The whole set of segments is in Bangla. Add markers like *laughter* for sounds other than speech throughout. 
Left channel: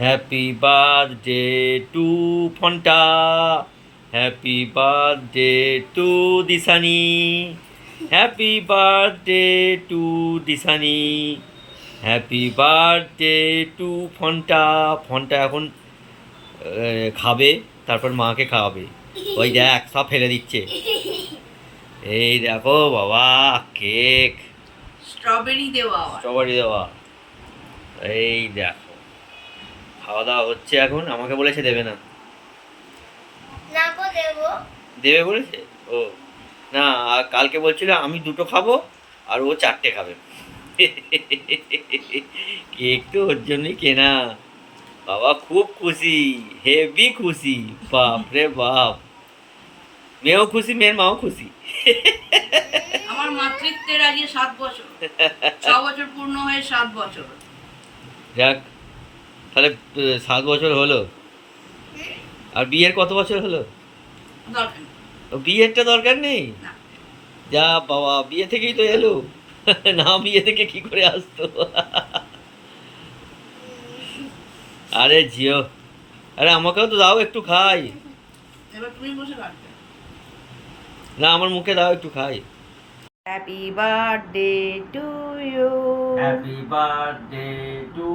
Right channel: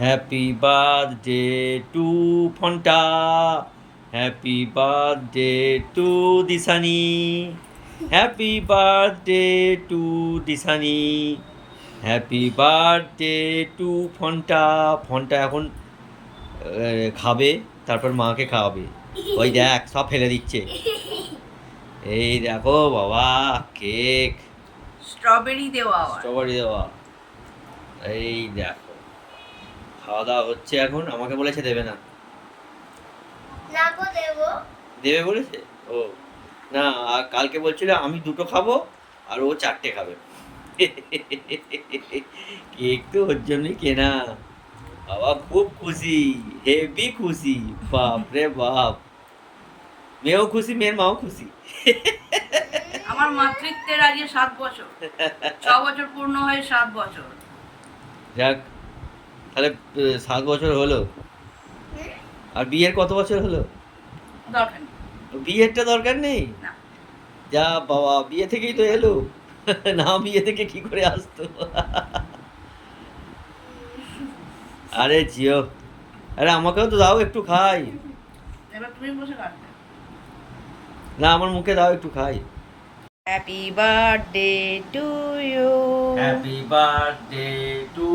Happy birthday to Fonta happy birthday to Dishani happy birthday to Dishani happy birthday to Fonta Fonta এখন খাবে তারপর মাকে খাওয়াবে। ওই দেখ সব ফেলে দিচ্ছে। এই দেখো বাবা কেক স্ট্রবেরি দেওয়া স্ট্রবেরি দেওয়া। এই দেখো। খাওয়া দাওয়া হচ্ছে এখন আমাকে বলেছে দেবে না। না গো দেবো। দেবে বলেছে? ও না আর কালকে বলছিল আমি দুটো খাব আর ও চারটে খাবে। কেক তো ওর জন্যই কেনা। বাবা খুব খুশি হেভি খুশি। বাপ রে বাপ। মেয়েও খুশি মেয়ের মাও খুশি। আমার মাতৃত্বের আজকে সাত বছর। ছ বছর পূর্ণ হয়ে সাত বছর। যাক তাহলে সাত বছর হলো। আর বিয়ের কত বছর হলো? দরকার বিয়েরটা দরকার নেই? যা বাবা বিয়ে থেকেই তো এলো। *laughs* না বিয়ে থেকে কি করে আসতো? *laughs* আরে জিও আরে আমাকেও তো দাও একটু খাই। এবার তুমি বসে কাটবে না আমার মুখে দাও একটু খাই। Happy birthday to you happy birthday to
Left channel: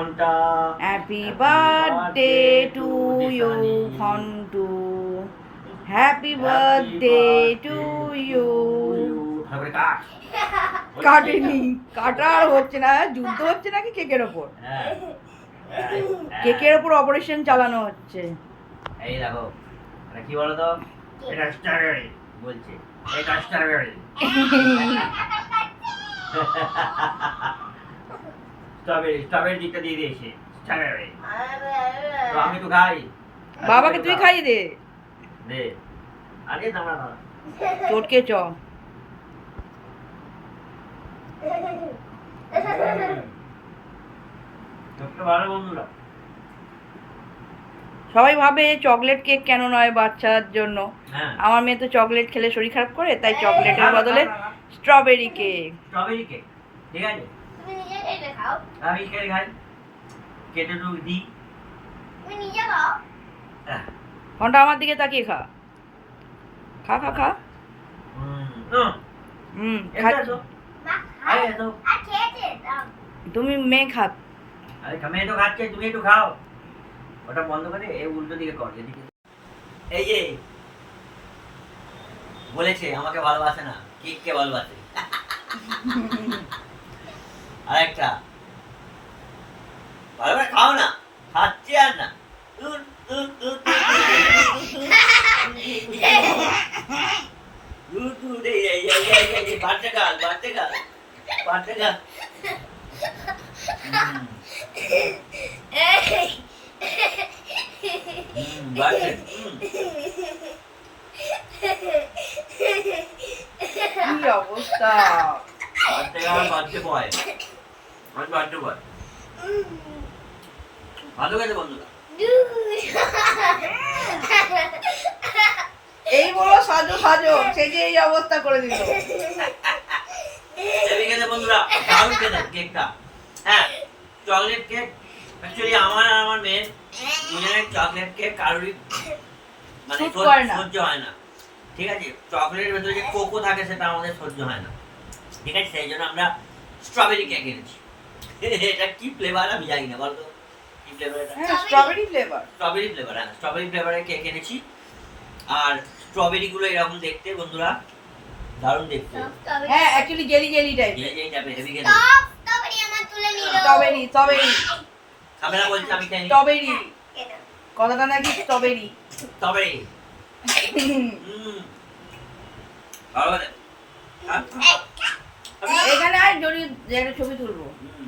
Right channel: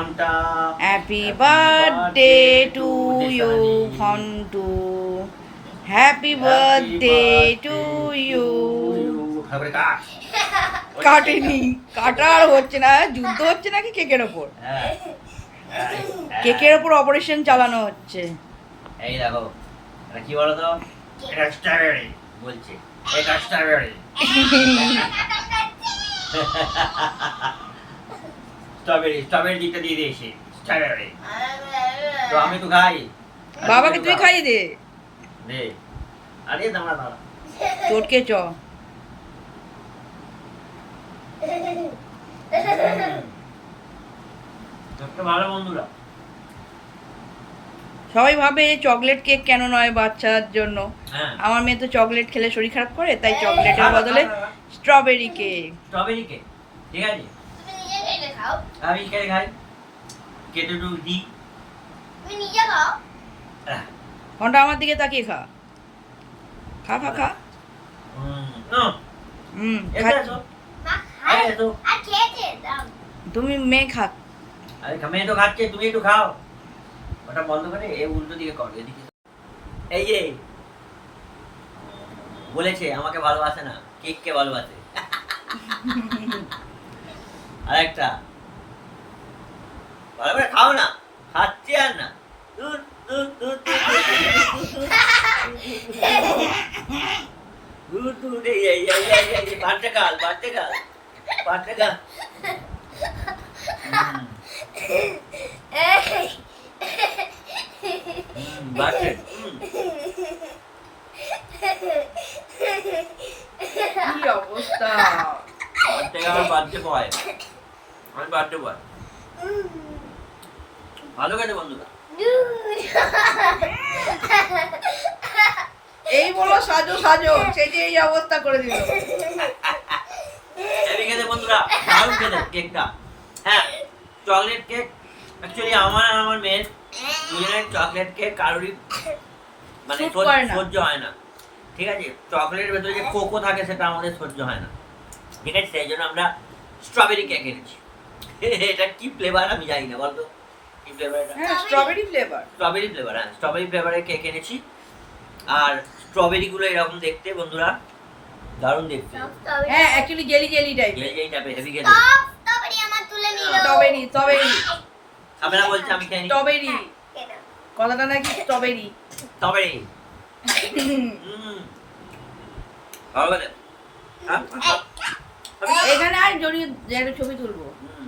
Fonta happy birthday to you Fontu happy birthday to you কাটেনি। কাটা আর হচ্ছে না যুদ্ধ হচ্ছে নাকি কেকের ওপর? হ্যাঁ। কেকের ওপর অপারেশন চালানো হচ্ছে। এই দেখো কি বলো তো এটা স্ট্রবেরি বলছে। এটা স্ট্রবেরি *laughs* স্ট্রবেরি স্ট্রবেরি দিকটা দিয়ে দিয়েছে স্ট্রবেরি তো আমি তো খাই। বাবাকে তুই খাইয়ে দে। দে। আরে দাঁড়া দাঁড়া চটকে চ। ভালো বন্ধুরা। সবাই ভাবে চকলেট কেক কেন নয় বাচ্চার জন্য। হ্যাঁ। আমার মেয়ে তো চকলেট খেলে শরীর খারাপ করে তাই চকলেটের বদলে স্ট্রবেরি কেক স্ট্রবেরি কেক ঠিক আছে? কেটে খাও আমি কেটে খাই কেটে একটু দিই তুমি নিজে খাও। ঘণ্টা আমার দিকে তাকিয়ে খা। খা খা খা। হুম, তুমি মেয়ে খা। আরে মেয়ে তো খাচ্ছে তুমি একটু খাও। ওটা বন্ধ করে এ উল্টো দিকে কর এদিকে। এই যে বলেছে আমাকে ভালোবাসে না কেককে ভালোবাসে। *laughs* আর একটা ভালো করে খাও না খাচ্ছি আর না। কি অবস্থা? বাড়তে গাল বাড়তে আমি বাচ্চা বয়। ভালো গেছে বন্ধুরা। এই বলো সাজো সাজো সে যে এই অবস্থা করে দিল। হেভি খেতে বন্ধুরা দারুণ খেতে কেকটা। হ্যাঁ চকলেট কেক অ্যাকচুয়ালি আমার আর আমার মেয়ের দুজনের চকলেট কেক কারোরই মানে। সহ্য হয় না। ঠিক আছে চকলেটের ভেতরে যে কোকো থাকে সেটা আমাদের সহ্য হয় না। ঠিক আছে সেই জন্য আমরা স্ট্রবেরি কেক এনেছি। এটা কি ফ্লেভার আমি জানি না বলতো? কি ফ্লেভার এটা? হ্যাঁ স্ট্রবেরি ফ্লেভার স্ট্রবেরি ফ্লেভার হ্যাঁ স্ট্রবেরি ফ্লেভারের কেক এনেছি। আর স্ট্রবেরি গুলো এরকম দেখতে বন্ধুরা দারুণ দেখতে। হ্যাঁ অ্যাকচুয়ালি জেলি জেলি টাইপ যে যেই টাইপের হেভি খেতে তবে আমার তুলে নিল স্ট্রবেরি স্ট্রবেরি ক্যামেরা বলছে আমি খাইনি স্ট্রবেরি কথাটা নাকি স্ট্রবেরি তবে *laughs* হুম। ভালো লাগে। হ্যাঁ? এখানে আর যদি একটা ছবি তুলবো। হুম।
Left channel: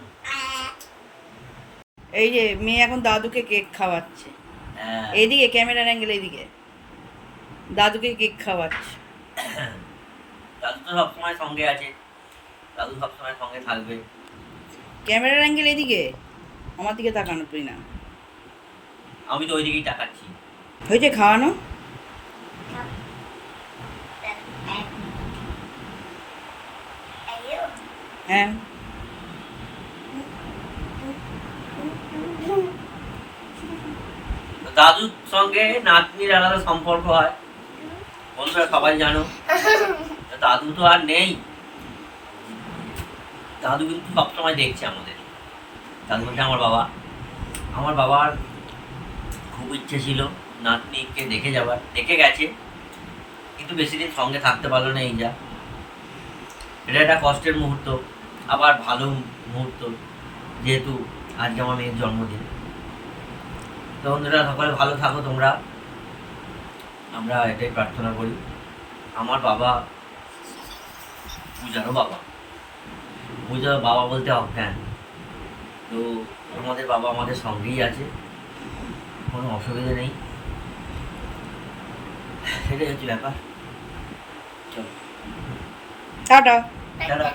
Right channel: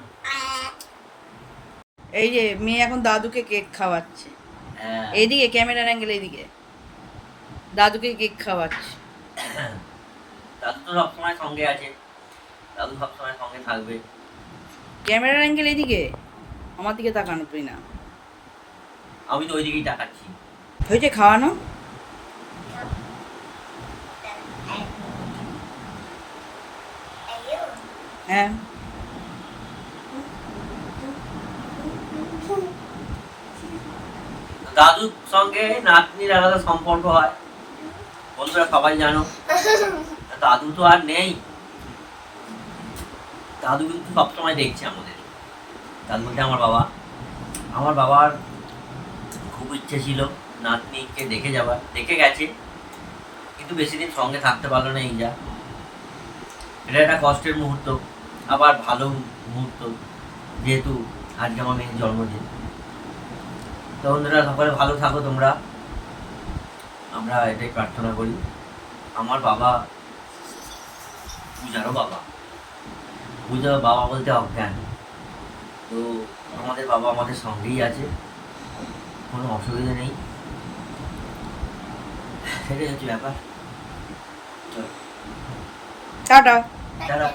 এই যে মেয়ে এখন দাদুকে কেক খাওয়াচ্ছে। হ্যাঁ। এইদিকে ক্যামেরার অ্যাঙ্গেল এইদিকে দাদুকে কেক খাওয়াচ্ছে। দাদু তো সবসময় সঙ্গে আছে। দাদু সবসময় সঙ্গে থাকবে। ক্যামেরার অ্যাঙ্গেল এইদিকে আমার দিকে তাকানো তুই না আমি তো ওই দিকেই তাকাচ্ছি। হয়েছে খাওয়ানো? হ্যাঁ। দাদুর সঙ্গে নাতনির আলাদা সম্পর্ক হয়। বন্ধুরা সবাই জানো। *laughs* দাদু তো আর নেই। দাদু কিন্তু সবসময় দেখছে আমাদের। দাদু বলছে আমার বাবা। আমার বাবার খুব ইচ্ছে ছিল নাতনিকে দেখে যাবার দেখে গেছে। কিন্তু বেশি দিন সঙ্গে থাকতে পারল না এই যা এটা একটা কষ্টের মুহূর্ত। আবার ভালো মুহূর্ত। যেহেতু আজকে আমার মেয়ের জন্মদিন। তো বন্ধুরা সকলে ভালো থাকো তোমরা। আমরা এটাই প্রার্থনা করি। আমার বাবা পূজারও বাবা। পূজার বাবা বলতে অজ্ঞান। তো আমাদের বাবা আমাদের সঙ্গেই আছে। কোনো অসুবিধা নেই। সেটাই হচ্ছে ব্যাপার। টাটা। টাটা।